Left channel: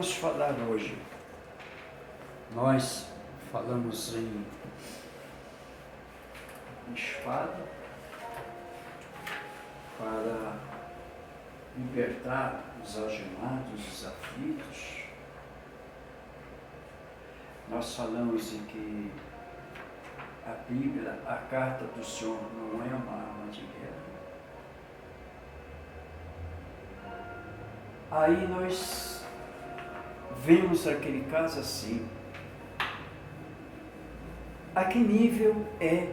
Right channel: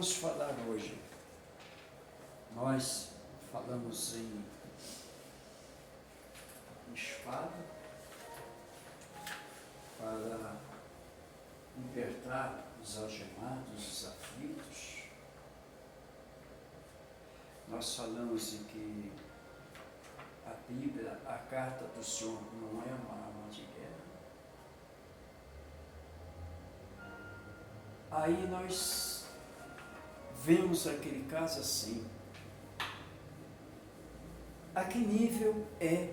vamos falar hoje. Nós falamos em espada para libertar os algemados, os aflitos. Nós falamos em que a Bíblia, a carta do Senhor, não é uma arma de guerra. Aí nós vemos aquele caso assim. A que nível é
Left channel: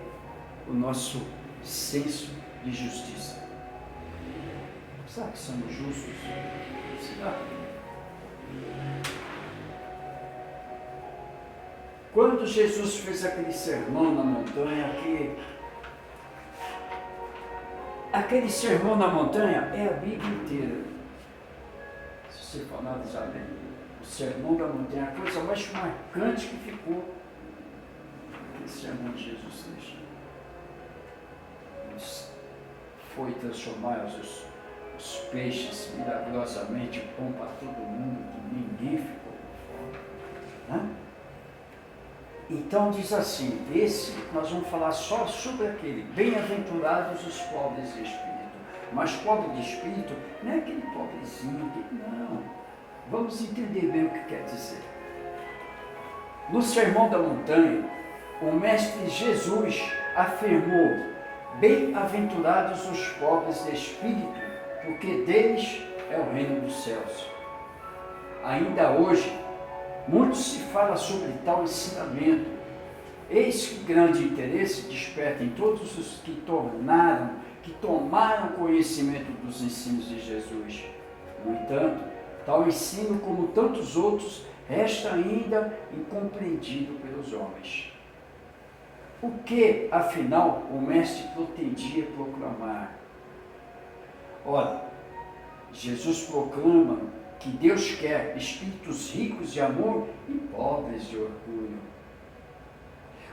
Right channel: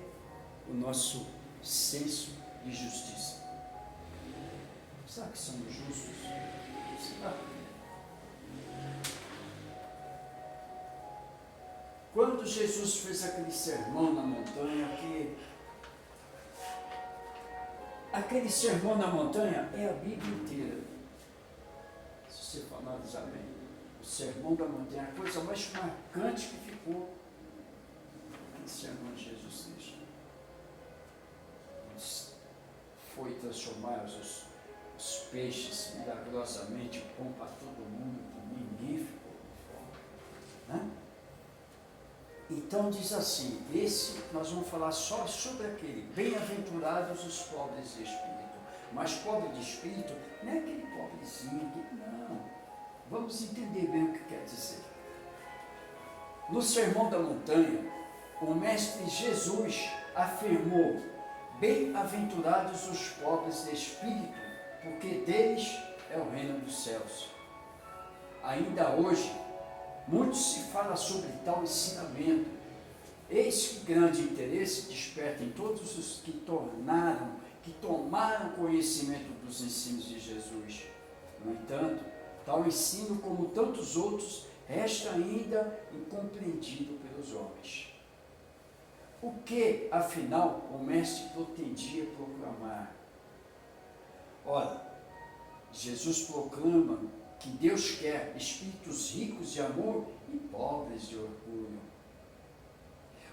o nosso senso de justiça? Será que somos justos? Será? Quando Jesus fez aquele sermão na montanha, aquele sermão na montanha é a Bíblia inteira. Se você falar, sabe, o sermão da montanha, a coisa mais marcante que ficou, aquele sermão de Jesus Cristo. Foi transformar os peixes milagrosamente, pão para todo mundo, que ninguém ficou com fome. Então diz assim, nós vamos falar só sobre aquele, bem-aventurados os pobres de espírito. Mas pobre de espírito não é aquele pobrezinho, não. Vamos entender bem o que quer dizer. No Sermão da Montanha, o Mestre Jesus afirmou, bem-aventurados os pobres de espírito, porque deles é o reino dos céus. Ainda hoje, muito se fala sobre tal ensinamento. Eis que grande interesse desperta em todos os que tomaram conhecimento dos ensinos de Jesus. No entanto, tal ensino, como tantos outros, resta ainda incompreendido pelos homens. O que, afinal, o Mestre pretendia proclamar? Ora, Jesus proclama que Deus quer espíritos ricos de amor e pobres de orgulho.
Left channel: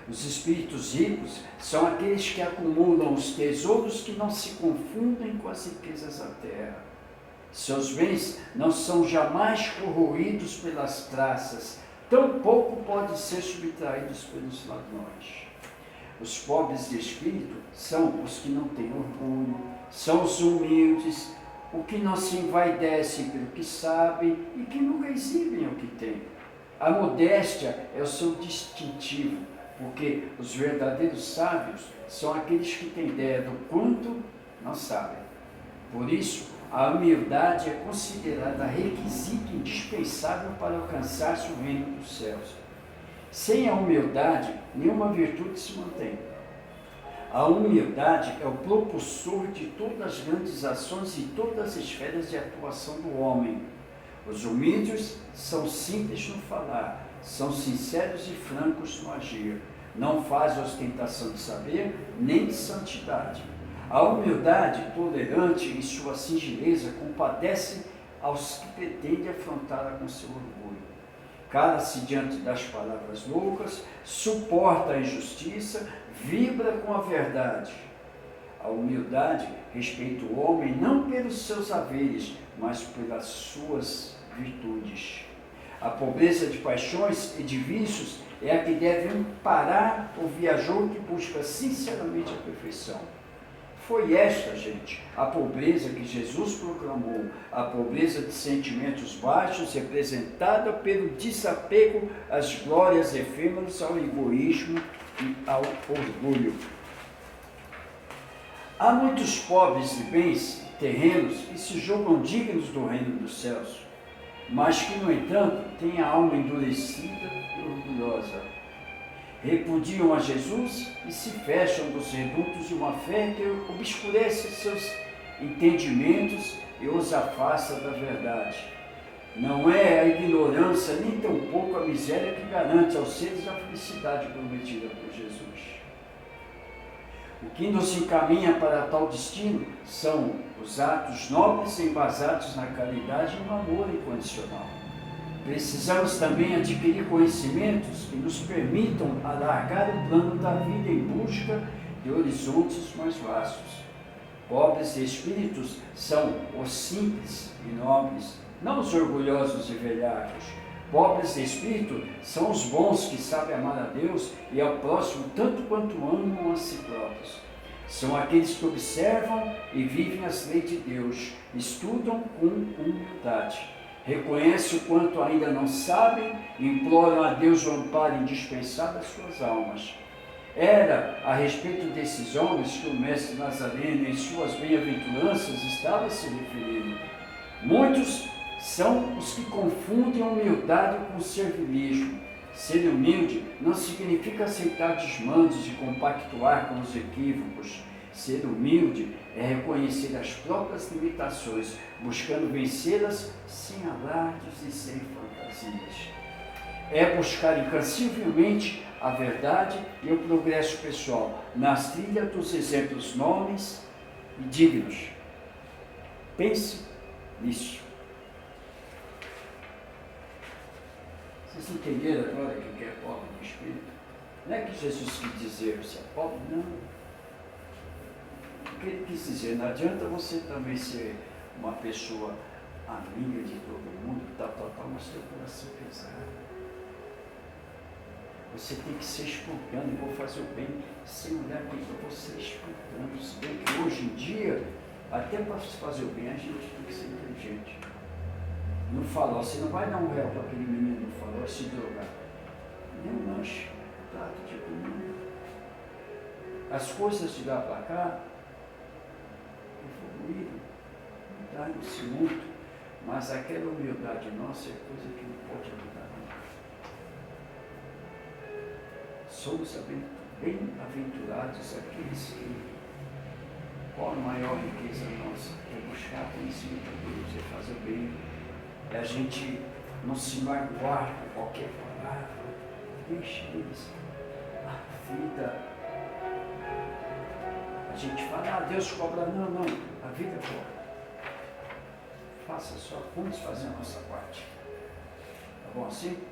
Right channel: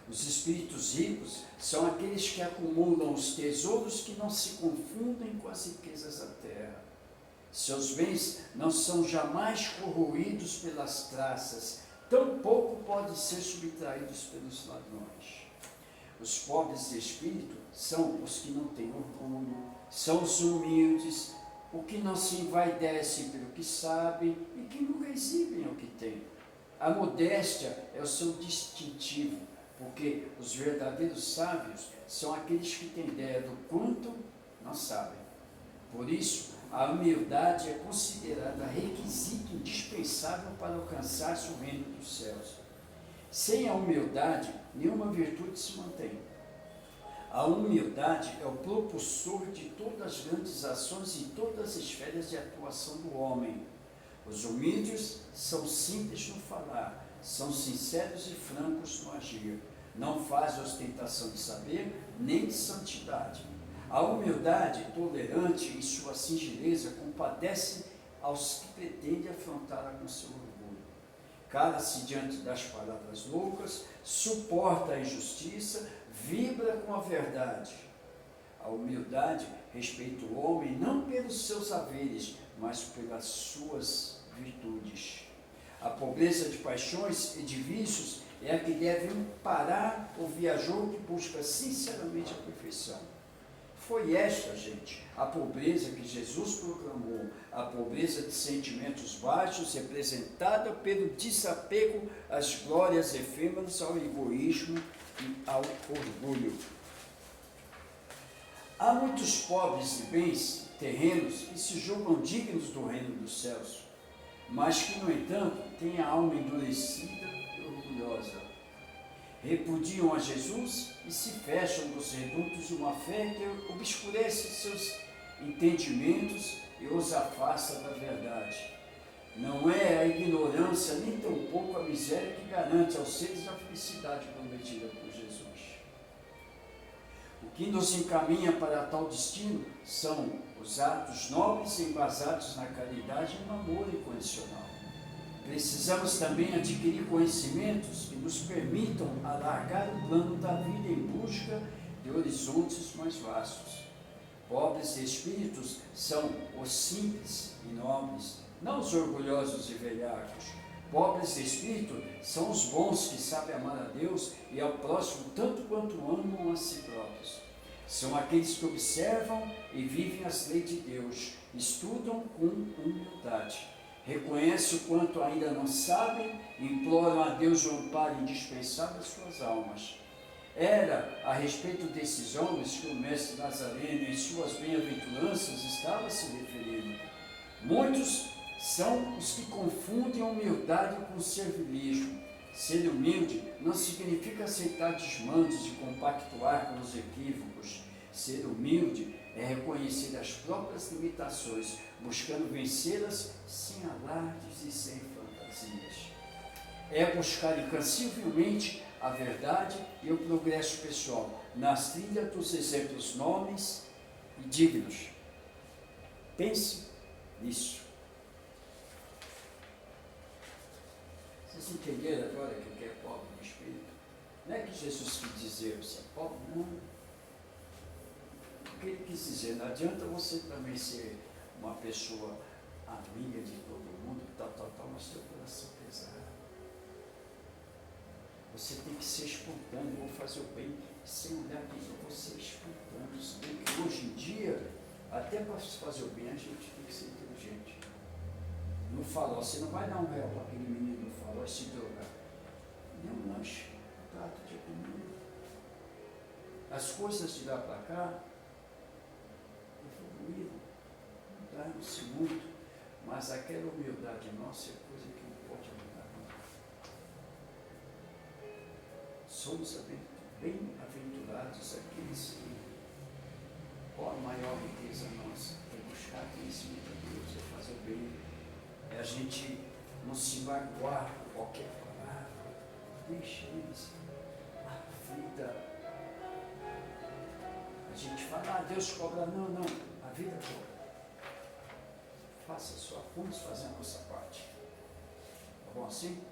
Os espíritos ricos são aqueles que acumulam os tesouros que não se confundem com as riquezas da terra. Seus bens não são jamais corroídos pelas traças, tampouco podem ser subtraídos pelos ladrões. Os pobres de espírito são os que não têm orgulho, são os humildes, o que não se envaidecem pelo que sabem e que nunca exibem o que têm. A modéstia é o seu distintivo, porque os verdadeiros sábios são aqueles que têm ideia do quanto não sabem. Por isso, a humildade é considerada requisito indispensável para alcançar-se o reino dos céus. Sem a humildade, nenhuma virtude se mantém. A humildade é o propulsor de todas as grandes ações e todas as esferas de atuação do homem. Os humildes são simples no falar, são sinceros e francos no agir. Não fazem ostentação de saber, nem de santidade. A humildade, tolerante em sua singeleza, compadece aos que pretendem afrontá-la com seu orgulho. Cala-se diante das palavras loucas, suporta a injustiça, vibra com a verdade. A humildade respeita o homem não pelos seus haveres, mas pelas suas virtudes. A pobreza de paixões e de vícios é a que deve amparar o viajor que busca sinceramente a perfeição. Foi esta, gente, a pobreza que Jesus proclamou, a pobreza de sentimentos baixos, representada pelo desapego às glórias efêmeras, ao egoísmo e ao orgulho. Há muitos pobres de bens terrenos que se julgam dignos do reino dos céus, mas que, no entanto, têm a alma endurecida e orgulhosa. Repudiam a Jesus e se fecham nos redutos de uma fé que obscurece seus entendimentos e os afasta da verdade. Não é a ignorância, nem tampouco a miséria que garante aos seres a felicidade prometida por Jesus. O que nos encaminha para tal destino são os atos nobres embasados na caridade e no amor incondicional. Precisamos também adquirir conhecimentos que nos permitam alargar o plano da vida em busca de horizontes mais vastos. Pobres espíritos são os simples e nobres, não os orgulhosos e velhacos. Pobres de espírito são os bons que sabem amar a Deus e ao próximo tanto quanto amam a si próprios. São aqueles que observam e vivem as leis de Deus, estudam com humildade, reconhecem o quanto ainda não sabem e imploram a Deus o amparo indispensável das suas almas. Era a respeito desses homens que o mestre Nazareno, em suas bem-aventuranças, estava se referindo. Muitos são os que confundem a humildade com o servilismo. Ser humilde não significa aceitar desmandos e compactuar com os equívocos. Ser humilde é reconhecer as próprias limitações, buscando vencê-las sem alardes e sem fantasias. É buscar incansavelmente a verdade e o progresso pessoal, nas trilhas dos exemplos nobres e dignos. Pense nisso. Vocês entenderam agora que é pobre no espírito? Não é que Jesus quis dizer que você é pobre, não. O que ele quis dizer, não adianta você também ser uma pessoa amiga de todo mundo, mas ter o coração pesado. Você tem que ser espontâneo, vou fazer o bem sem olhar quem para você, espontâneo. Se bem que hoje em dia, até para se fazer o bem, a gente tem que ser inteligente. No farol, você não vai dar um réu para aquele menino no farol se drogar. Nem um lanche, um prato de comida. As coisas de lá para cá evoluíram, mudaram-se muito, mas aquela humildade nossa é coisa que não pode mudar nunca. Somos bem-aventurados aqueles que, qual a maior riqueza nossa? É buscar conhecimento de Deus, é fazer o bem, é a gente não se magoar com qualquer palavra, deixa eles, a vida. A gente fala, Deus cobra, não, a vida cobra. Faça só, vamos fazer a nossa parte. Tá bom assim?